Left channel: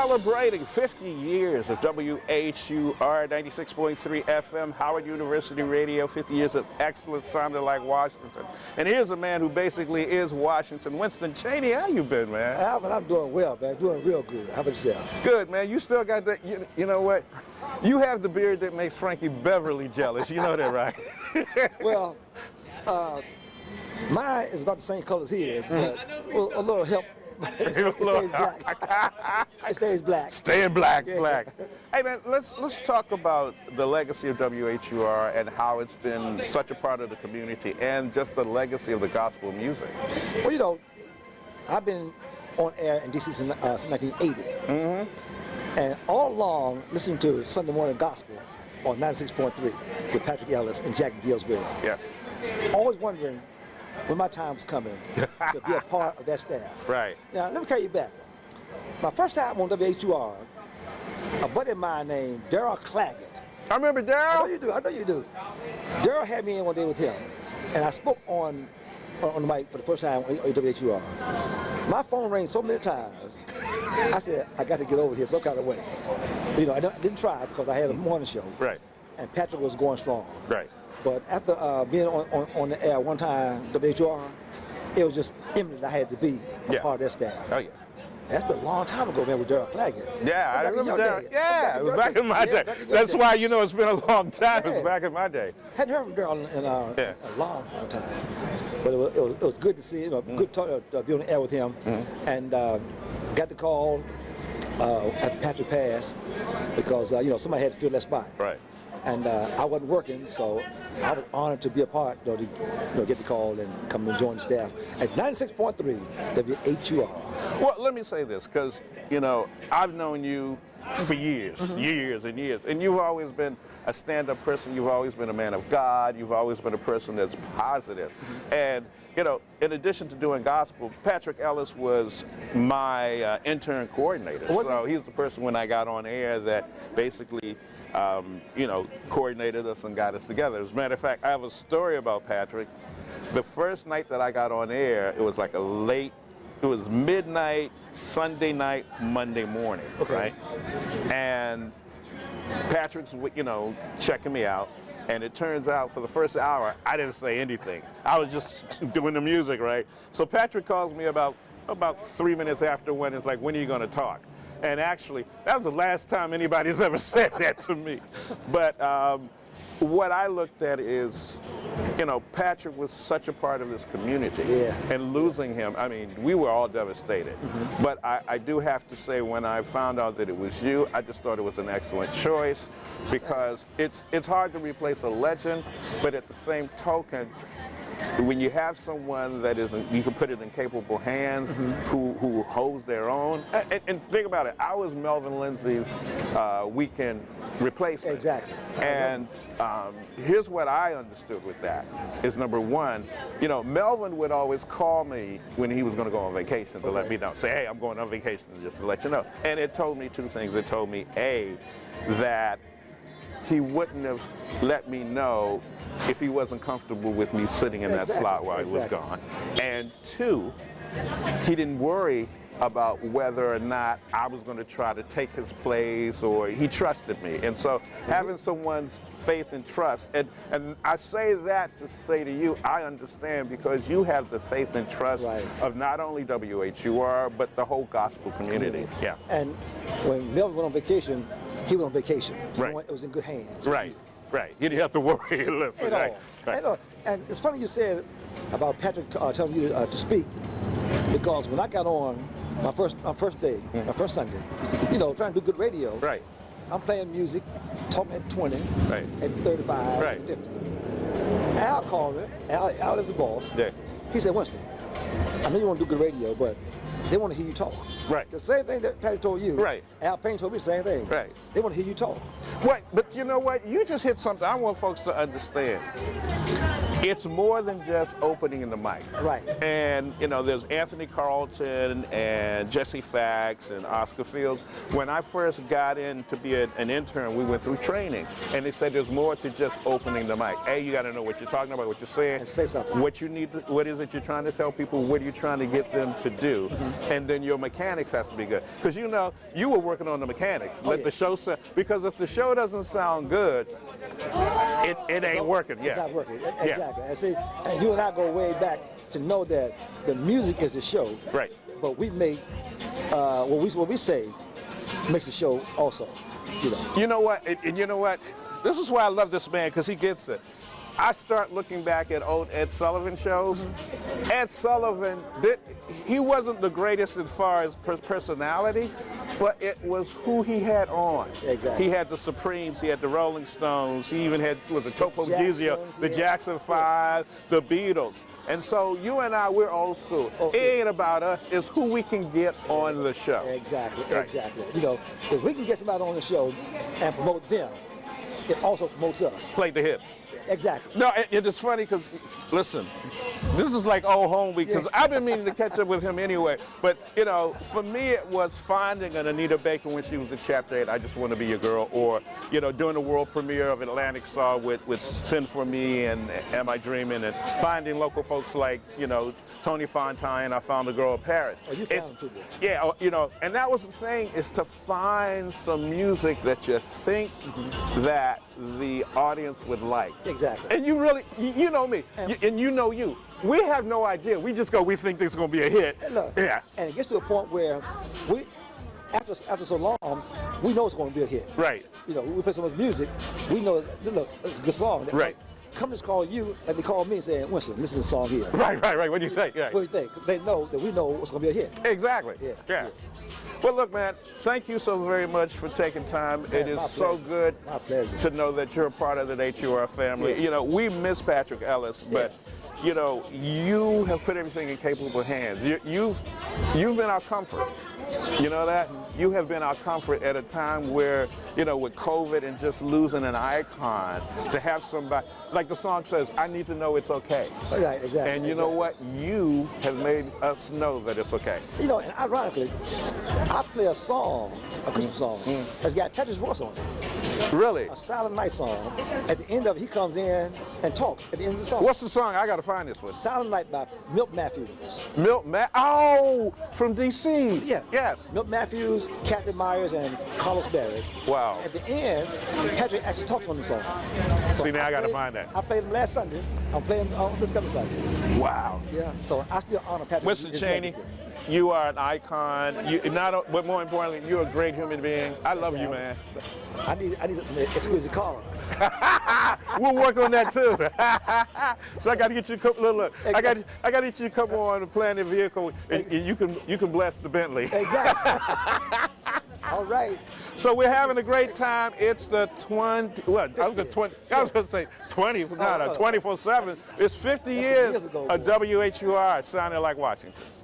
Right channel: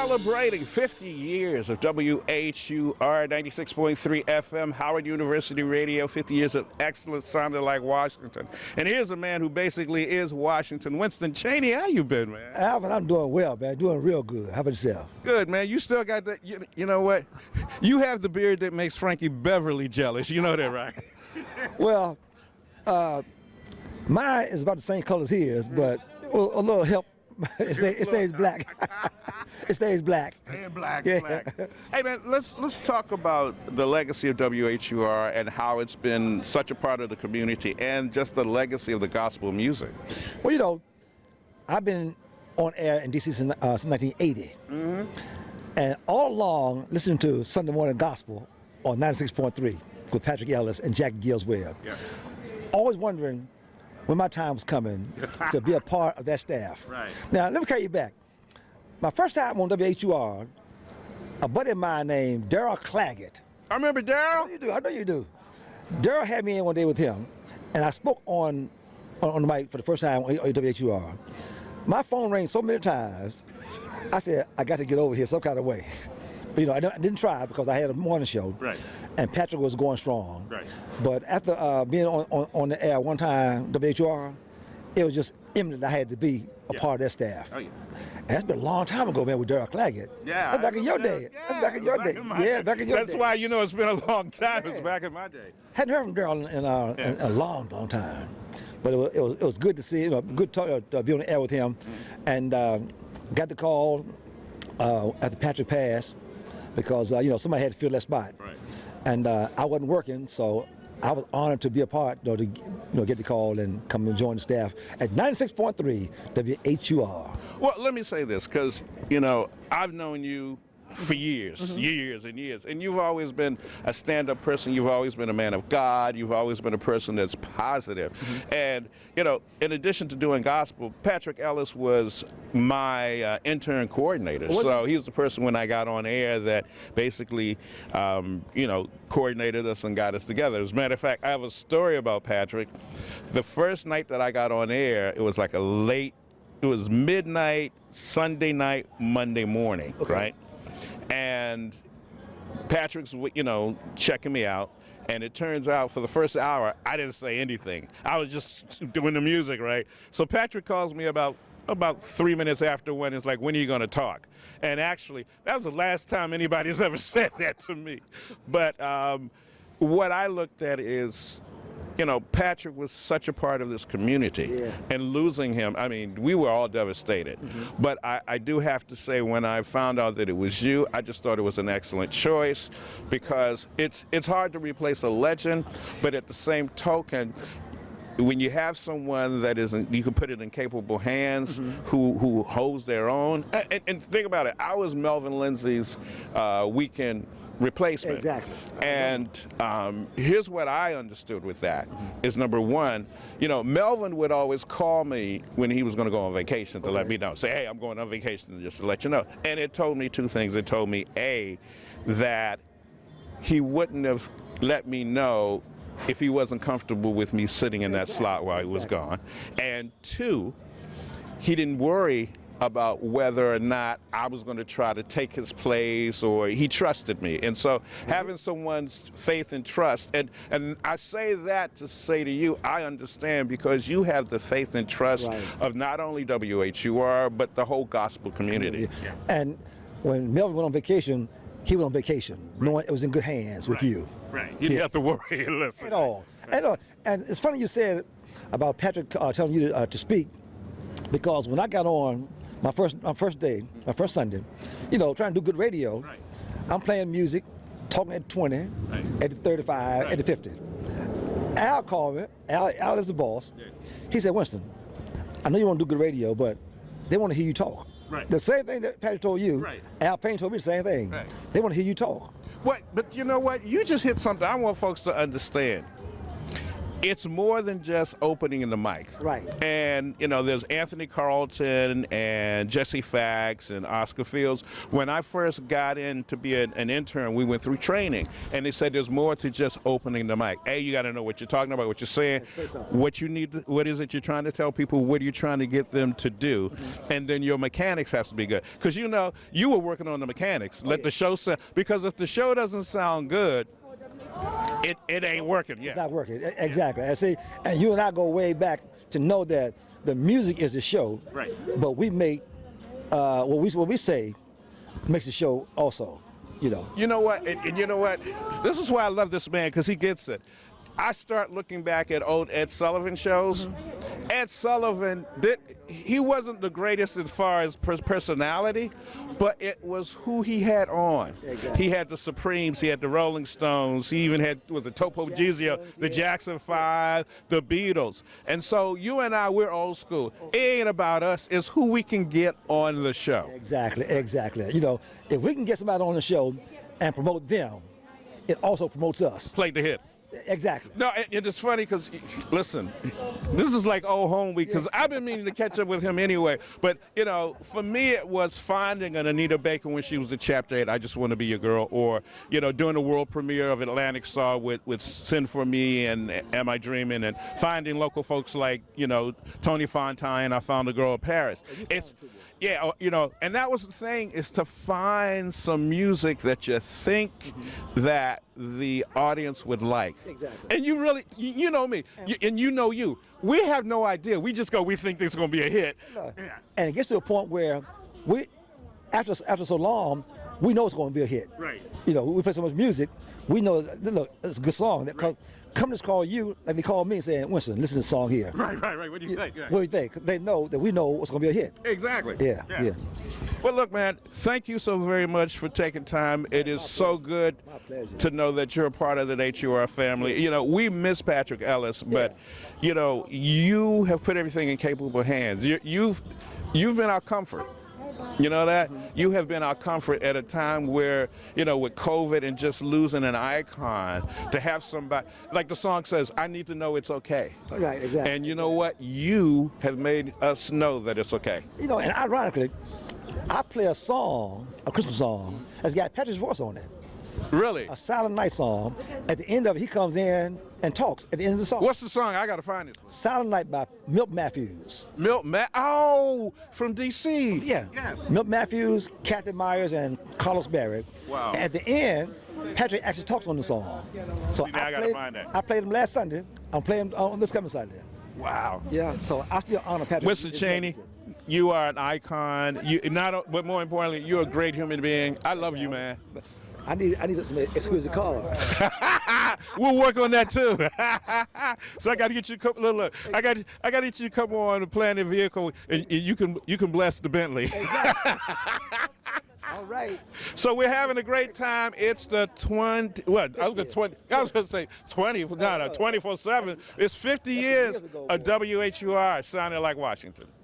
Celebrating 50 years of WHUR 96.3 FM, Howard University Radio, 50 years of excellence sounding like Washington. And here's a man who basically is Washington. Winston Chaney, how you been, man? Alvin, I'm doing well, man. Doing real good. How about yourself? Good, man. You still got that, you know what? You have the beard that makes Frankie Beverly jealous. You know that, right? Well, mine is about the same color as his, but a little help. It stays black. It stays black. Staying black, black. Hey, man, let's talk about the legacy of WHUR and how it's been such a part of the community and just the legacy of the gospel music. Well, you know, I've been on air in D.C. since 1980. And all along listening to Sunday morning gospel on 96.3 with Patrick Ellis and Jackie Gillsbury. Yeah. Always wondering when my time was coming to be a part of that staff. Right. Now, let me carry you back. My first time on WHUR, a buddy of mine named Daryl Claggett. I remember Daryl. I know you do. Daryl had me in one day with him, and I spoke on the mic for the first time on WHUR. My phone rang so many times, I said, I got to get over here some kind of way. You know, I didn't try because I had a morning show. Right. And Patrick was going strong. Right. But after being on the air one time, WHUR, it was just imminent I had to be a part of that staff. Oh, yeah. And that's been a long time ago, man, with Daryl Claggett. Yeah, back in your day. Yeah, back in my day. That's why, you know, it's been a long time. It's back in my day. Hadn't heard from Daryl in a long time. But it was good to see him, good to be on the air with him. And got the call after Patrick passed because, you know, somebody had to fill that spot. Right. And I wasn't working, so I was honored to be a part, to get the call and come and join the staff at 96.3 WHUR. Well, let me say this, because, you know, I've known you for years, years and years, and you've always been a stand-up person. You've always been a man of God. You've always been a person that's positive. And, you know, in addition to doing gospel, Patrick Ellis was my intern coordinator. So he was the person when I got on air that basically, you know, coordinated us and got us together. As a matter of fact, I have a story about Patrick. The first night that I got on air, it was like it was midnight, Sunday night, Monday morning, right? And Patrick's, you know, checking me out. And it turns out for the first hour, I didn't say anything. I was just doing the music, right? So Patrick calls me about 3 minutes after when it's like, when are you going to talk? And actually, that was the last time anybody's ever said that to me. But what I looked at is, you know, Patrick was such a part of this community. Yeah. And losing him, I mean, we were all devastated. But I do have to say, when I found out that it was you, I just thought it was an excellent choice because it's hard to replace a legend, but at the same token, when you have someone that isn't, you can put it in capable hands, who holds their own. And think about it, I was Melvin Lindsay's weekend replacement. Exactly. And here's what I understood with that is, number one, you know, Melvin would always call me when he was going to go on vacation to let me know. Say, hey, I'm going on vacation, just to let you know. And it told me two things. It told me, A, that he wouldn't have let me know if he wasn't comfortable with me sitting in that slot while he was gone. And two, he didn't worry about whether or not I was going to try to take his place, or he trusted me. And so having someone's faith and trust, and I say that to say to you, I understand, because you have the faith and trust of not only WHUR, but the whole gospel community. Yeah. And when Melvin went on vacation, he went on vacation, knowing it was in good hands with you. Right. You didn't have to worry. Listen, at all. And it's funny you said about Patrick telling you to speak, because when I got on my first day, my first Sunday, you know, trying to do good radio. Right. I'm playing music, talking at 20, at 35, at 50. Al called me. Al is the boss. Yeah. He said, Winston, I know you want to do good radio, but they want to hear you talk. Right. The same thing that Patrick told you. Right. Al Payne told me the same thing. Right. They want to hear you talk. What? But you know what? You just hit something I want folks to understand. it's more than just opening the mic. Right. And, you know, there's Anthony Carlton and Jesse Fax and Oscar Fields. When I first got in to be an intern, we went through training, and they said there's more to just opening the mic. You got to know what you're talking about, what you're saying, say something. what you need, what is it you're trying to tell people, what are you trying to get them to do, and then your mechanics has to be good. Because, you know, you were working on the mechanics. Let the show sound, because if the show doesn't sound good, it ain't working. Yeah. It's not working. Exactly. And see, and you and I go way back to know that the music is the show. Right. But we make what we say makes the show also. You know. You know what? And you know what? This is why I love this man, because he gets it. I start looking back at old Ed Sullivan shows. Ed Sullivan, he wasn't the greatest as far as personality, but it was who he had on. Exactly. He had the Supremes, he had the Rolling Stones, he even had, the Topo Gizio, the Jackson 5, the Beatles. And so you and I, we're old school. It ain't about us, it's who we can get on the show. Exactly, exactly. You know, if we can get somebody on the show and promote them, it also promotes us. Play the hits. Exactly. No, it is funny because, listen, this is like old home week, because I've been meaning to catch up with him anyway. But, you know, for me it was finding an Anita Baker when she was at Chapter 8, I Just Want to Be Your Girl, or, you know, doing the world premiere of Atlantic Star with Send For Me and Am I Dreaming, and finding local folks like, you know, Tony Fontaine, I Found a Girl in Paris. Oh, you found him too, yeah, you know, and that was the thing, is to find some music that you think that the audience would like. Exactly. And you really, you know me, and you know you. We have no idea. We just go, we think this is going to be a hit. Look, yeah. And it gets to a point where we, after so long, we know it's going to be a hit. Right. You know, we play so much music, we know it's a good song. Right. Come just call you, and they call me and say, Winston, listen to the song here. Right. What do you think? Yeah. What do you think? 'Cause they know that we know it's going to be a hit. Exactly. Yeah. Well, look, man, thank you so very much for taking time. It is so good to know that you're a part of the WHUR family. Yeah. You know, we miss Patrick Ellis, but, you know, you have put everything in capable hands. You've been our comfort. You know that? You have been our comfort at a time where, you know, with COVID and just losing an icon, to have somebody, like the song says, I need to know it's okay. Right, exactly. And you know what? You have made us know that it's okay. You know, and ironically, I play a song, a Christmas song, that's got Patrick's voice on it. Really? A Silent Night song. At the end of it, he comes in and talks at the end of the song. What's the song? I got to find this one. Silent Night by Milt Matthews. Oh, from D.C. Yeah. Yes. Milt Matthews, Kathy Myers, and Carlos Berry. Wow. At the end, Patrick actually talks on the song. So See, now I got to find that. I played him last Sunday. I'm playing this coming Sunday. Wow. Yeah, so I still honor Patrick. Winston Chaney, you are an icon. But more importantly, you're a great human being. I love you, man. I need some exquisite cars. We'll work on that too. So I got to get you a couple. Look, I got to get you a couple on the Planet vehicle, and you can bless the Bentley. Exactly. All right. So we're having a great time. It's the 20. What? I was going to say 20. No, 24/7. It's 50 years of WHUR sounding like Washington.